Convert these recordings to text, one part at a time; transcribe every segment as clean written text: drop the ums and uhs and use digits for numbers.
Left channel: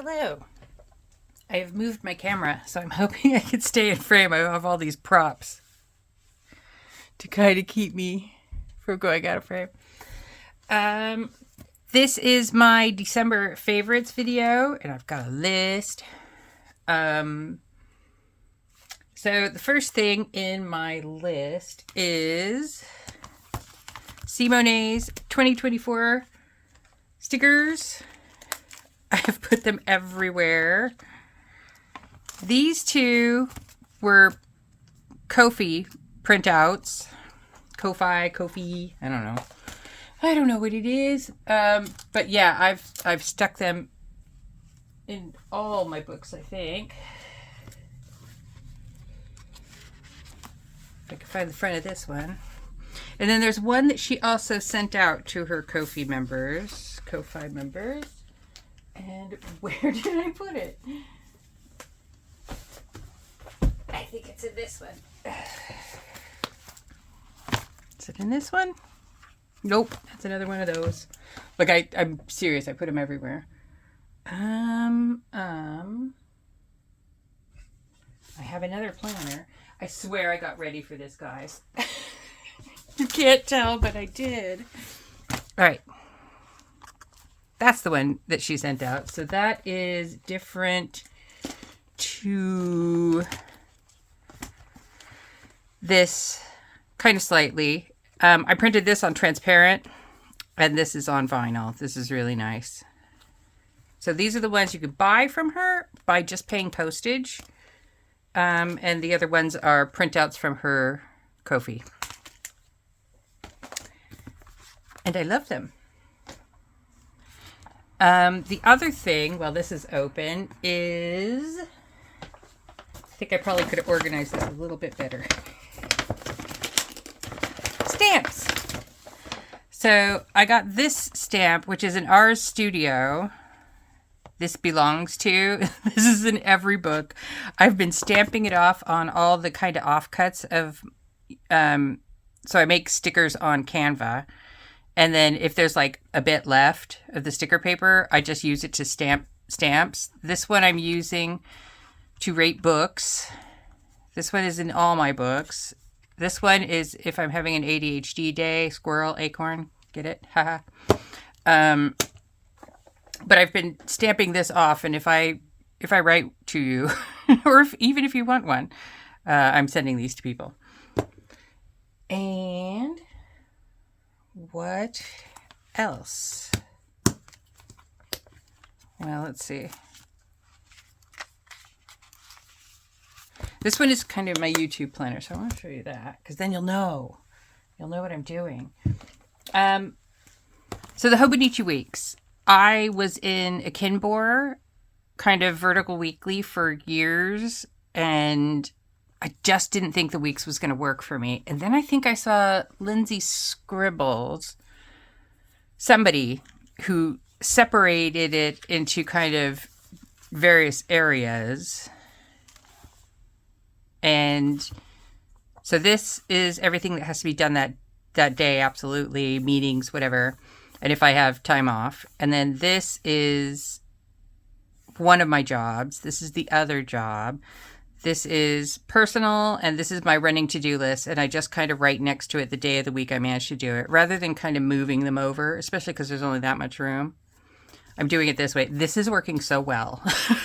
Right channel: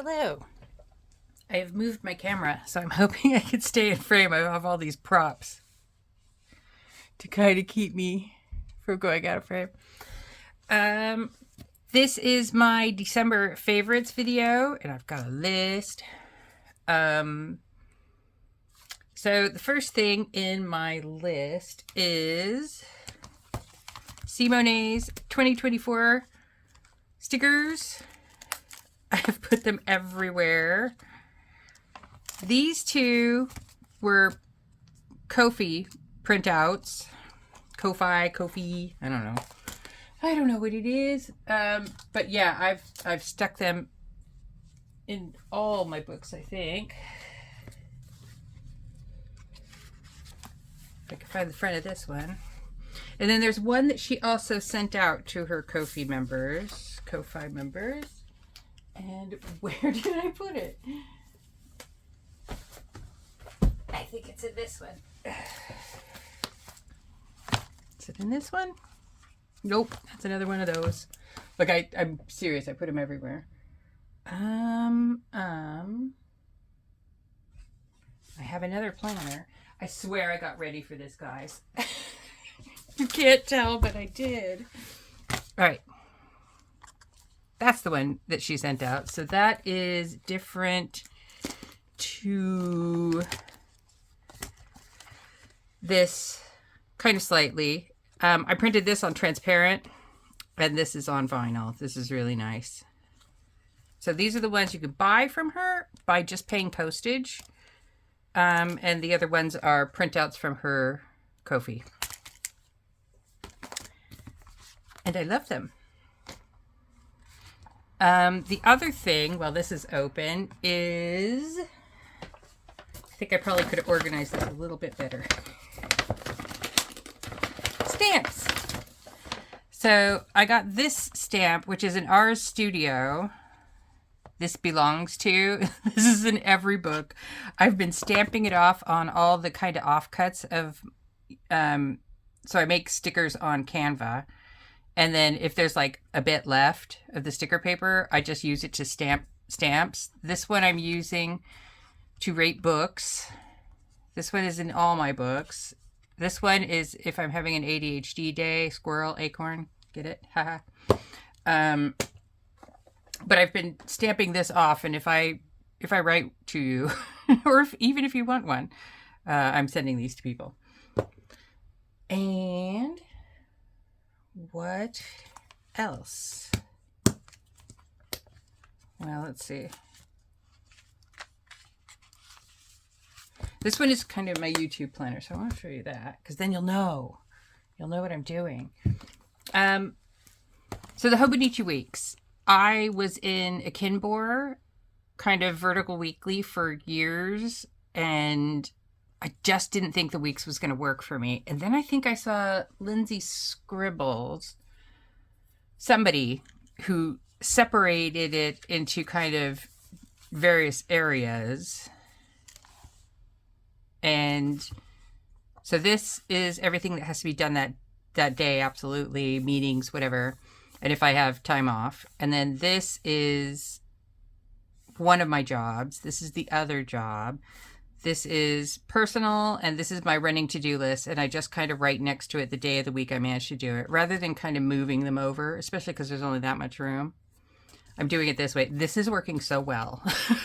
Hello. I have moved my camera, so I'm hoping I can stay in frame. I have all these props to kind of keep me from going out of frame. This is my December favorites video, and I've got a list. So the first thing in my list is Seemownay's 2024 stickers. I've put them everywhere. These two were Ko-fi printouts. Ko-fi, I don't know. I don't know what it is. But yeah, I've stuck them in all my books, I think. If I can find the front of this one. And then there's one that she also sent out to her Ko-fi members. And where did I put it? I think it's in this one. Is it in this one? Nope, that's another one of those. Like I'm serious, I put them everywhere. I have another planner. I swear I got ready for this, guys. You can't tell, but I did. All right. That's the one that she sent out. So that is different to this kind of slightly. I printed this on transparent and this is on vinyl. This is really nice. So these are the ones you could buy from her by just paying postage. And the other ones are printouts from her Ko-fi. And I love them. The other thing, while this is open, is... I think I probably could have organized this a little bit better. Stamps! So, I got this stamp, which is an Ars Studio. This belongs to. This is in every book. I've been stamping it off on all the kind of offcuts of... so I make stickers on Canva. And then if there's like a bit left of the sticker paper, I just use it to stamp stamps. This one I'm using to rate books. This one is in all my books. This one is if I'm having an ADHD day, squirrel, acorn, get it? Haha. But I've been stamping this off, and if I write to you, or even if you want one, I'm sending these to people. And what else? Well, let's see. This one is kind of my YouTube planner, so I want to show you that because then you'll know what I'm doing. So the Hobonichi Weeks. I was in a Kinbor kind of vertical weekly for years, and I just didn't think the weeks was going to work for me. And then I think I saw Lindsay Scribbles, somebody who separated it into kind of various areas. And so this is everything that has to be done that day, absolutely, meetings, whatever. And if I have time off. And then this is one of my jobs. This is the other job. This is personal, and this is my running to-do list, and I just kind of write next to it the day of the week I managed to do it, rather than kind of moving them over, especially because there's only that much room. I'm doing it this way. This is working so well.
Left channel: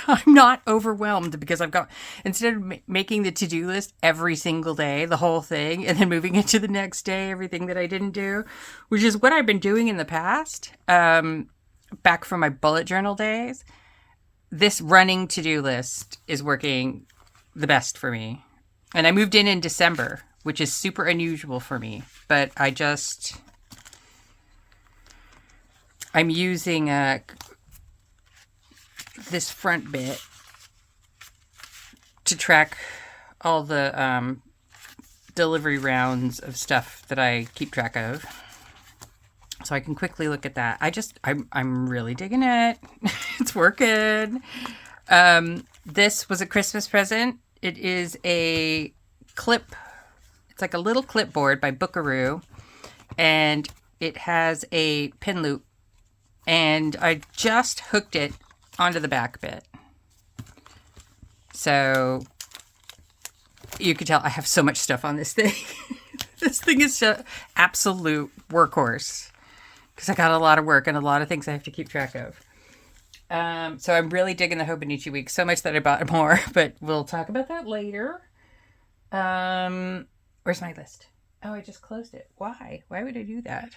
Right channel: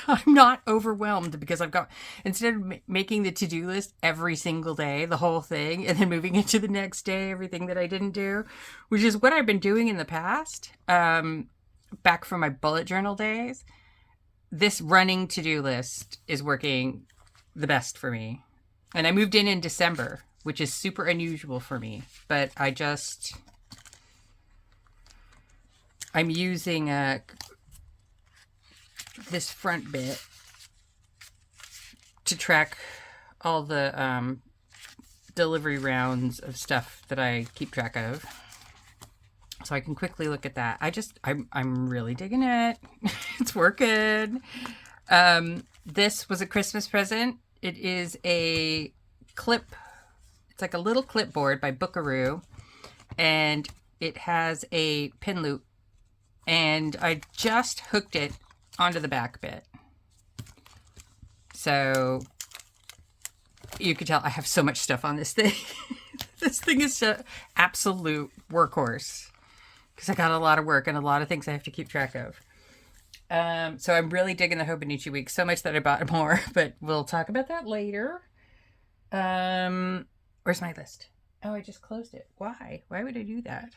I'm not overwhelmed because I've got, instead of making the to-do list every single day, the whole thing, and then moving it to the next day, everything that I didn't do, which is what I've been doing in the past, back from my bullet journal days, this running to-do list is working the best for me. And I moved in December, which is super unusual for me, but I'm using this front bit to track all the delivery rounds of stuff that I keep track of. So I can quickly look at that. I'm really digging it. It's working. This was a Christmas present. It is a clip. It's like a little clipboard by Bookaroo. And it has a pin loop. And I just hooked it onto the back bit. So you can tell I have so much stuff on this thing. This thing is an absolute workhorse because I got a lot of work and a lot of things I have to keep track of. So I'm really digging the Hobonichi week so much that I bought more, but we'll talk about that later. Where's my list? Oh, I just closed it. Why? Why would I do that?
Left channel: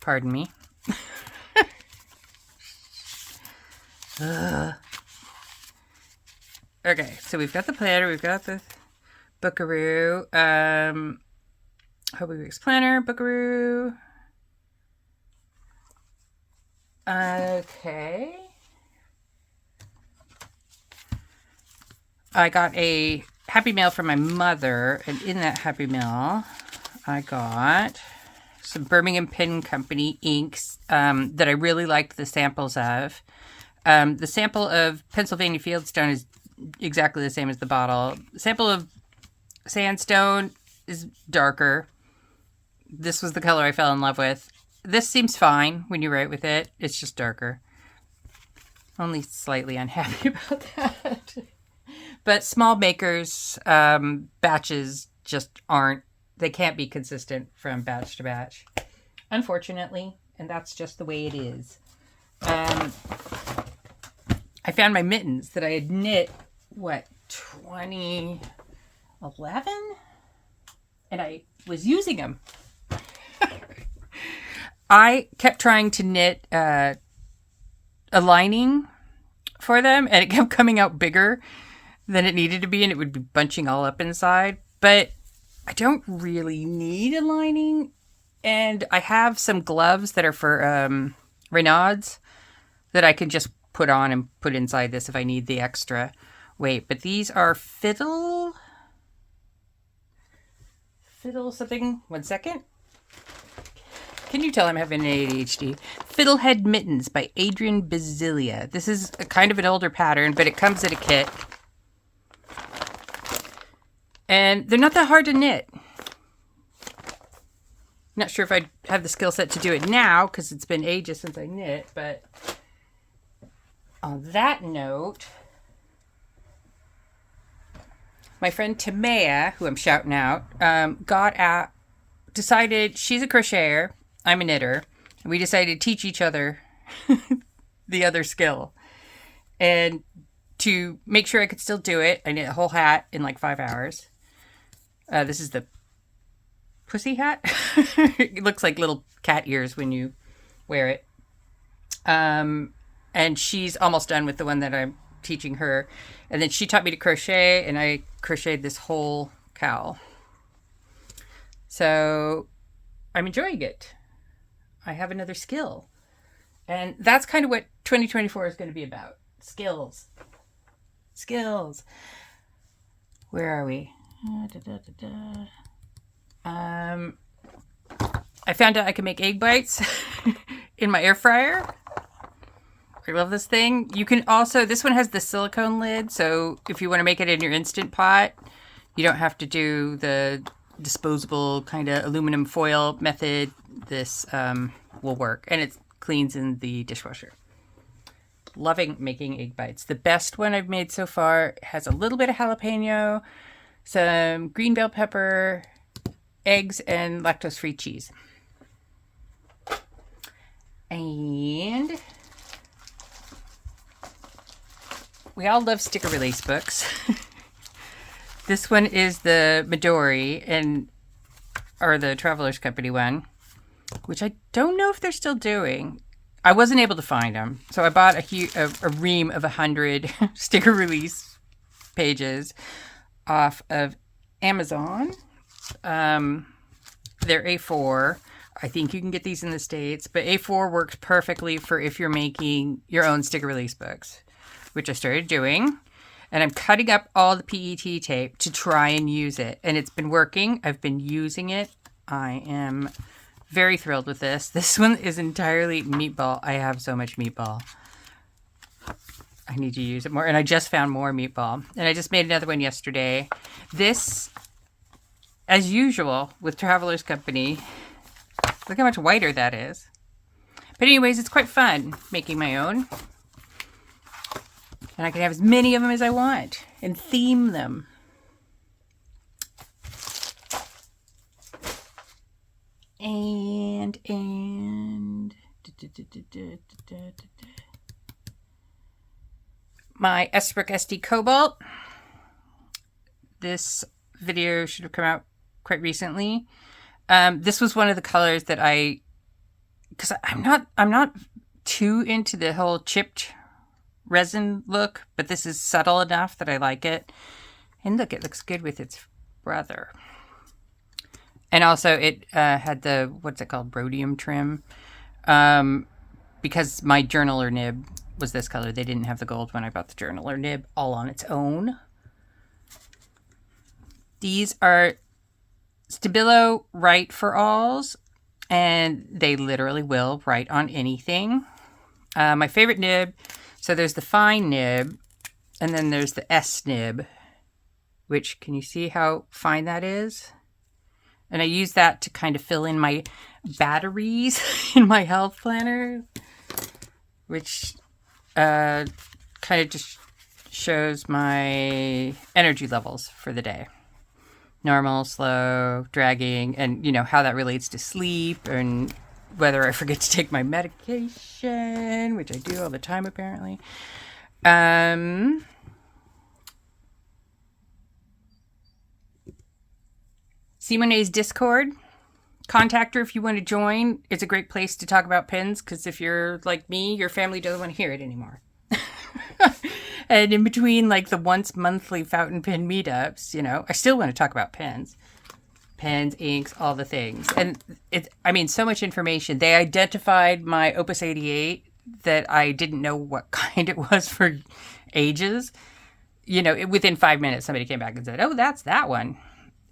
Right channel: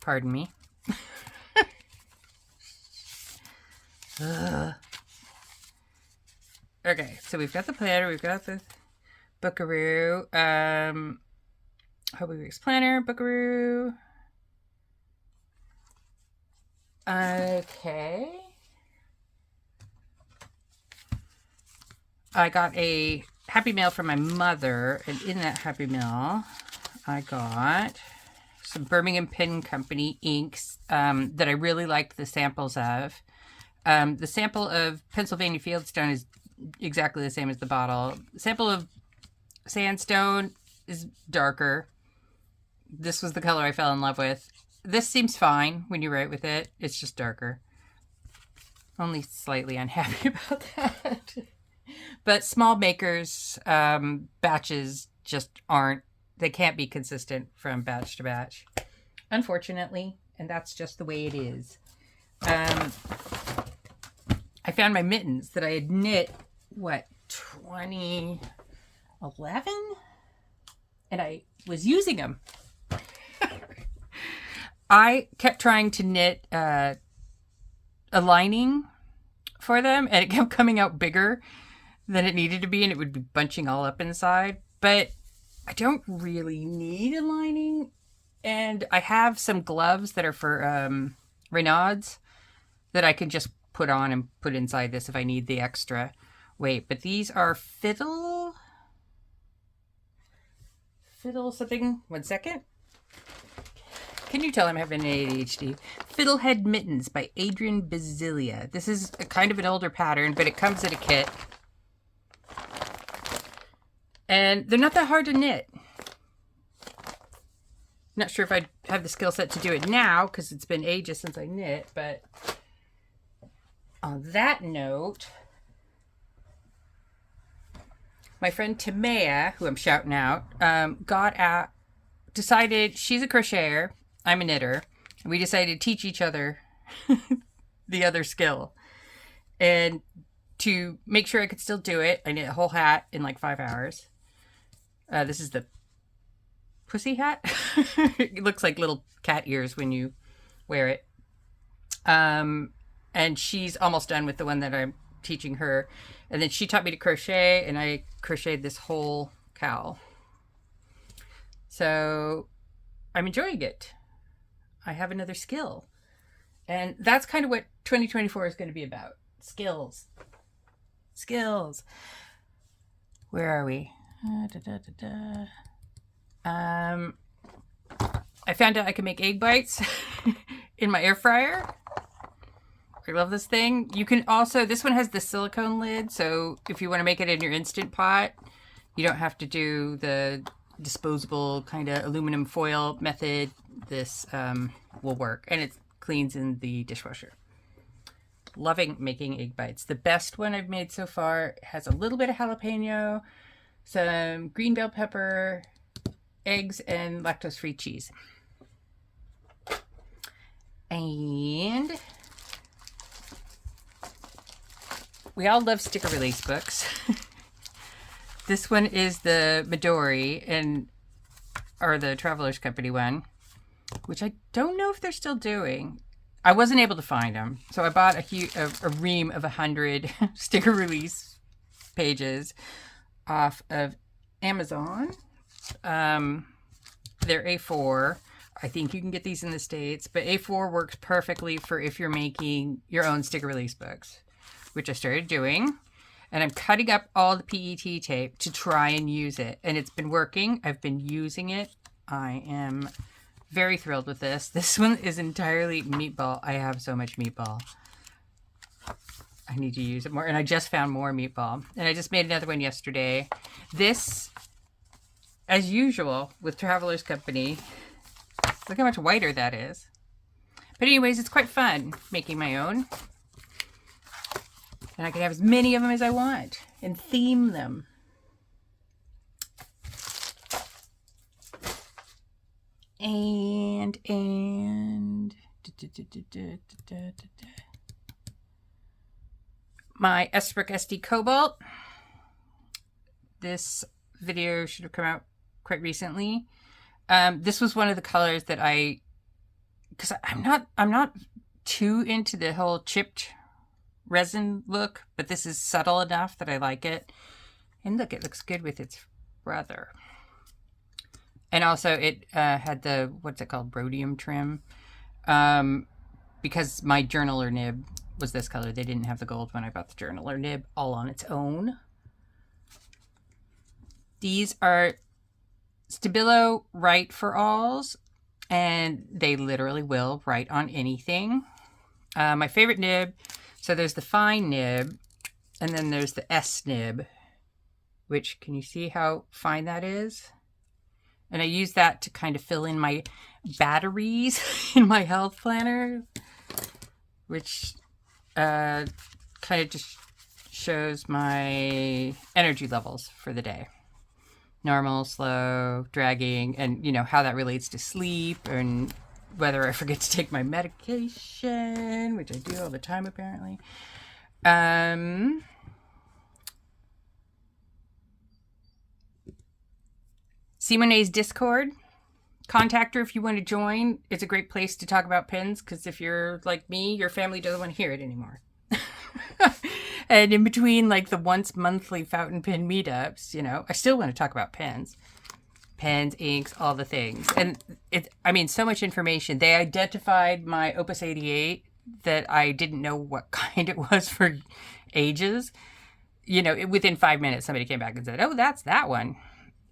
Pardon me. Okay, so we've got the planner, we've got the Bookaroo, Hobie Weeks planner, Bookaroo. Okay. I got a Happy Mail from my mother, and in that Happy Mail, I got some Birmingham Pen Company inks that I really liked the samples of. The sample of Pennsylvania Fieldstone is exactly the same as the bottle. The sample of Sandstone is darker. This was the color I fell in love with. This seems fine when you write with it. It's just darker. Only slightly unhappy about that. But small makers, batches just aren't, they can't be consistent from batch to batch, unfortunately, and that's just the way it is. I found my mittens that I had knit, 2011? And I was using them. I kept trying to knit a lining for them, and it kept coming out bigger than it needed to be, and it would be bunching all up inside. But I don't really need a lining, and I have some gloves that are for Reynauds that I can just put on and put inside this if I need the extra weight. But these are Fiddle something. 1 second. Can you tell I'm having ADHD? Fiddlehead Mittens by Adrian Basilia. This is a kind of an older pattern, but it comes in a kit. And they're not that hard to knit. Not sure if I have the skill set to do it now, because it's been ages since I knit, but on that note, my friend Tamea, who I'm shouting out, decided she's a crocheter, I'm a knitter, and we decided to teach each other the other skill. And to make sure I could still do it, I knit a whole hat in like 5 hours. This is the pussy hat. It looks like little cat ears when you wear it. And she's almost done with the one that I'm teaching her. And then she taught me to crochet, and I crocheted this whole cowl. So I'm enjoying it. I have another skill. And that's kind of what 2024 is going to be about. Skills. Skills. Where are we? I found out I can make egg bites in my air fryer. I love this thing. You can also, this one has the silicone lid, so if you want to make it in your Instant Pot, you don't have to do the disposable kind of aluminum foil method. This will work, and it cleans in the dishwasher. Loving making egg bites. The best one I've made so far has a little bit of jalapeno, some green bell pepper, eggs, and lactose-free cheese. And we all love sticker release books. This one is the Midori, or the Travelers Company one, which I don't know if they're still doing. I wasn't able to find them, so I bought a ream of 100 sticker release pages off of Amazon. They're A4. I think you can get these in the States, but A4 works perfectly for if you're making your own sticker release books, which I started doing. And I'm cutting up all the PET tape to try and use it. And it's been working. I've been using it. I am very thrilled with this. This one is entirely meatball. I have so much meatball. I need to use it more. And I just found more meatball. And I just made another one yesterday. This, as usual with Travelers Company, look how much whiter that is. But anyways, it's quite fun making my own. And I can have as many of them as I want and theme them. And my Esbrook SD Cobalt. This video should have come out quite recently. This was one of the colors that because I'm not too into the whole chipped resin look, but this is subtle enough that I like it. And look, it looks good with its brother. And also it had the, what's it called, rhodium trim. Because my journaler nib was this color. They didn't have the gold when I bought the journaler nib all on its own. These are Stabilo Write for alls, and they literally will write on anything. My favorite nib, so there's the fine nib, and then there's the S nib, which, can you see how fine that is? And I use that to kind of fill in my batteries in my health planner, which kind of just shows my energy levels for the day. Normal, slow, dragging, and you know how that relates to sleep and whether I forget to take my medication, which I do all the time apparently. Seemownay's Discord. Contact her if you want to join. It's a great place to talk about pins, because if you're like me, your family doesn't want to hear it anymore. And in between like the once monthly fountain pen meetups, you know, I still want to talk about pens. Pens, inks, all the things. And so much information. They identified my Opus 88 that I didn't know what kind it was for ages. You know, within 5 minutes, somebody came back and said, oh, that's that one.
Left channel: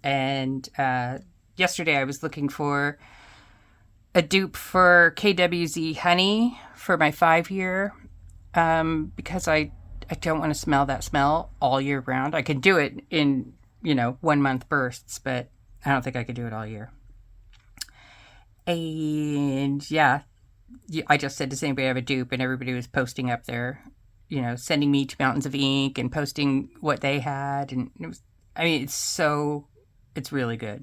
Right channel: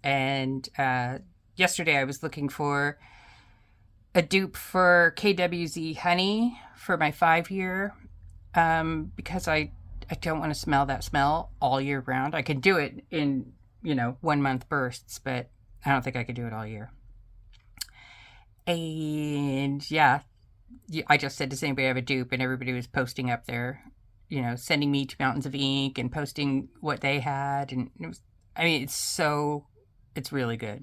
And yesterday I was looking for a dupe for KWZ Honey for my 5-year because I don't want to smell that smell all year round. I can do it in, 1 month bursts, but I don't think I could do it all year. And yeah, I just said, does anybody have a dupe? And everybody was posting up there, sending me to Mountains of Ink and posting what they had. And it was, it's really good.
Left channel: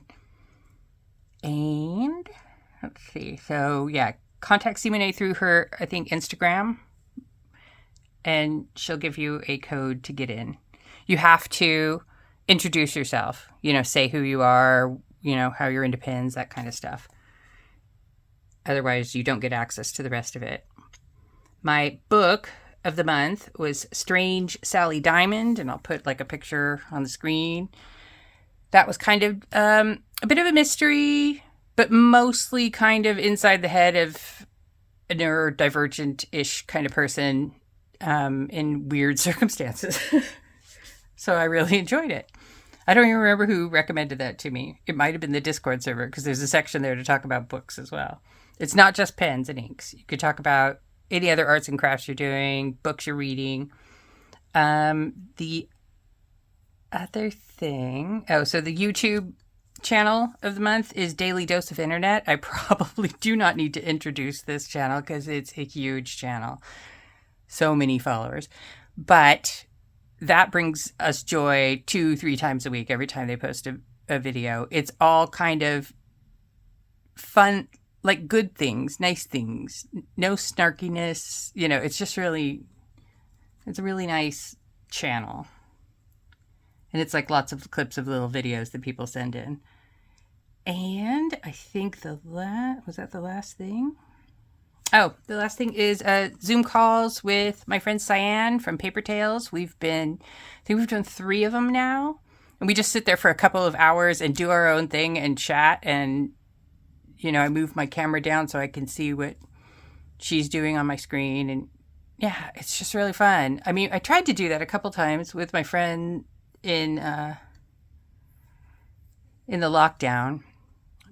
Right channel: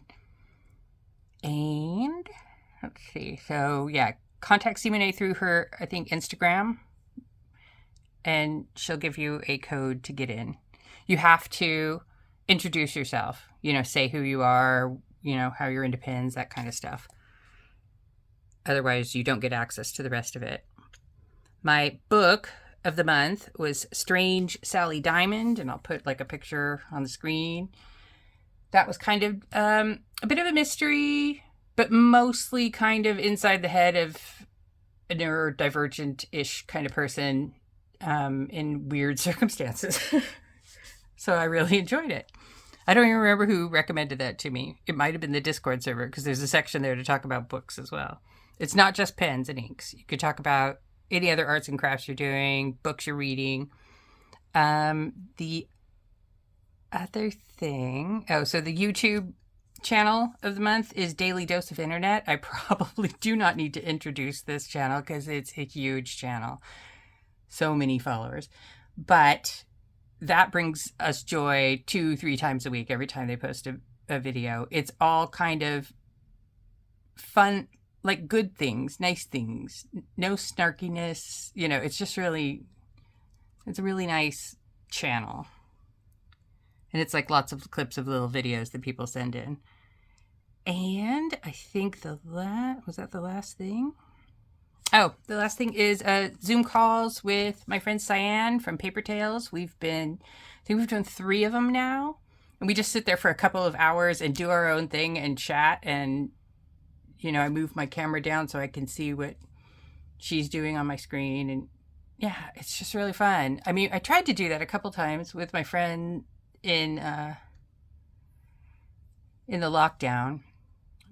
And let's see. So yeah, contact Seemownay through her, I think, Instagram. And she'll give you a code to get in. You have to introduce yourself, say who you are, how you're into pins, that kind of stuff. Otherwise, you don't get access to the rest of it. My book of the month was Strange Sally Diamond, and I'll put like a picture on the screen. That was kind of a bit of a mystery, but mostly kind of inside the head of a neurodivergent-ish kind of person in weird circumstances. So I really enjoyed it. I don't even remember who recommended that to me. It might have been the Discord server, because there's a section there to talk about books as well. It's not just pens and inks. You could talk about any other arts and crafts you're doing, books you're reading. The other thing, so the YouTube channel of the month is Daily Dose of Internet. I probably do not need to introduce this channel because it's a huge channel. So many followers. But that brings us joy 2-3 times a week every time they post a video. It's all kind of fun, like good things, nice things, no snarkiness. It's just really, it's a really nice channel. And it's like lots of clips of little videos that people send in. And I think was that the last thing? Oh, the last thing is Zoom calls with my friend Cyan from Paper Tales. I think we've done 3 of them now. And we just sit there for a couple of hours and do our own thing and chat. And, I move my camera down so I can see what she's doing on my screen. And yeah, it's just really fun. I tried to do that a couple times with my friend in the lockdown,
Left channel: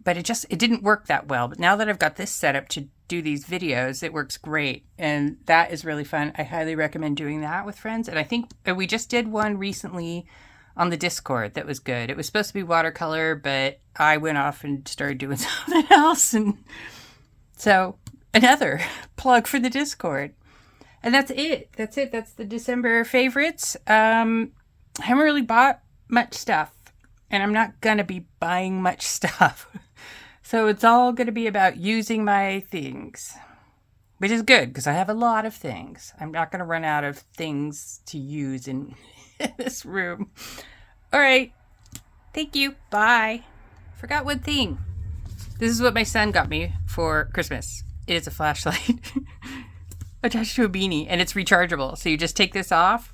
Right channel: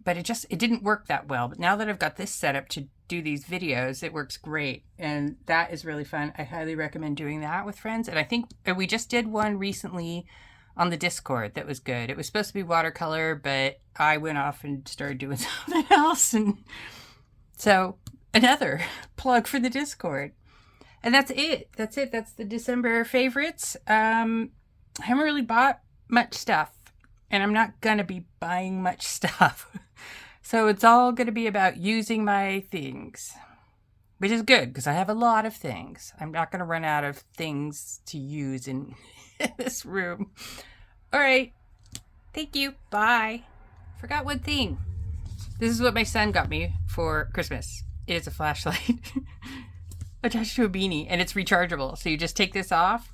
but it didn't work that well. But now that I've got this set up to do these videos, it works great, and that is really fun. I highly recommend doing that with friends. And I think we just did one recently on the Discord that was good. It was supposed to be watercolor, but I went off and started doing something else, and so another plug for the Discord. And that's it. That's it. That's the December favorites. I haven't really bought much stuff, and I'm not going to be buying much stuff. So it's all going to be about using my things, which is good because I have a lot of things. I'm not going to run out of things to use in this room. All right. Thank you. Bye. Forgot one thing. This is what my son got me for Christmas. It is a flashlight attached to a beanie, and it's rechargeable. So you just take this off,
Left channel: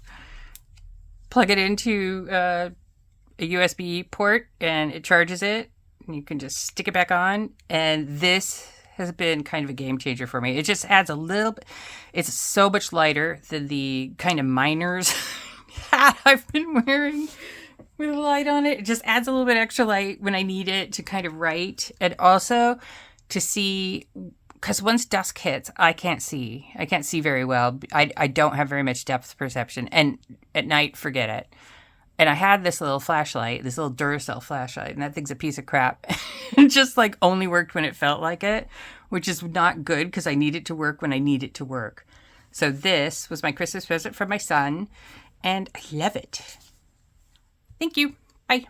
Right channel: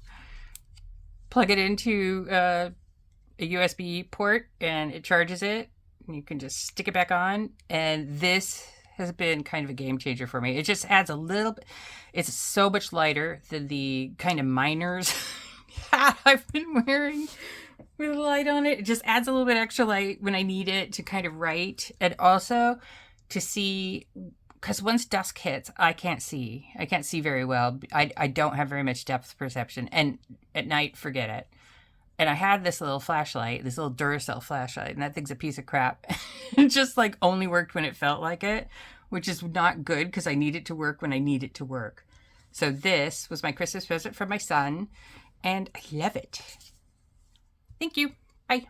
plug it into a USB port, and it charges it. And you can just stick it back on. And this has been kind of a game changer for me. It just adds a little bit. It's so much lighter than the kind of miner's hat I've been wearing with a light on it. It just adds a little bit extra light when I need it to kind of write, and also to see, because once dusk hits, I can't see very well. I don't have very much depth perception, and at night, forget it. And I had this little flashlight, this little Duracell flashlight, and that thing's a piece of crap. It just like only worked when it felt like it, which is not good because I need it to work when I need it to work. So this was my Christmas present from my son, and I love it. Thank you. Bye.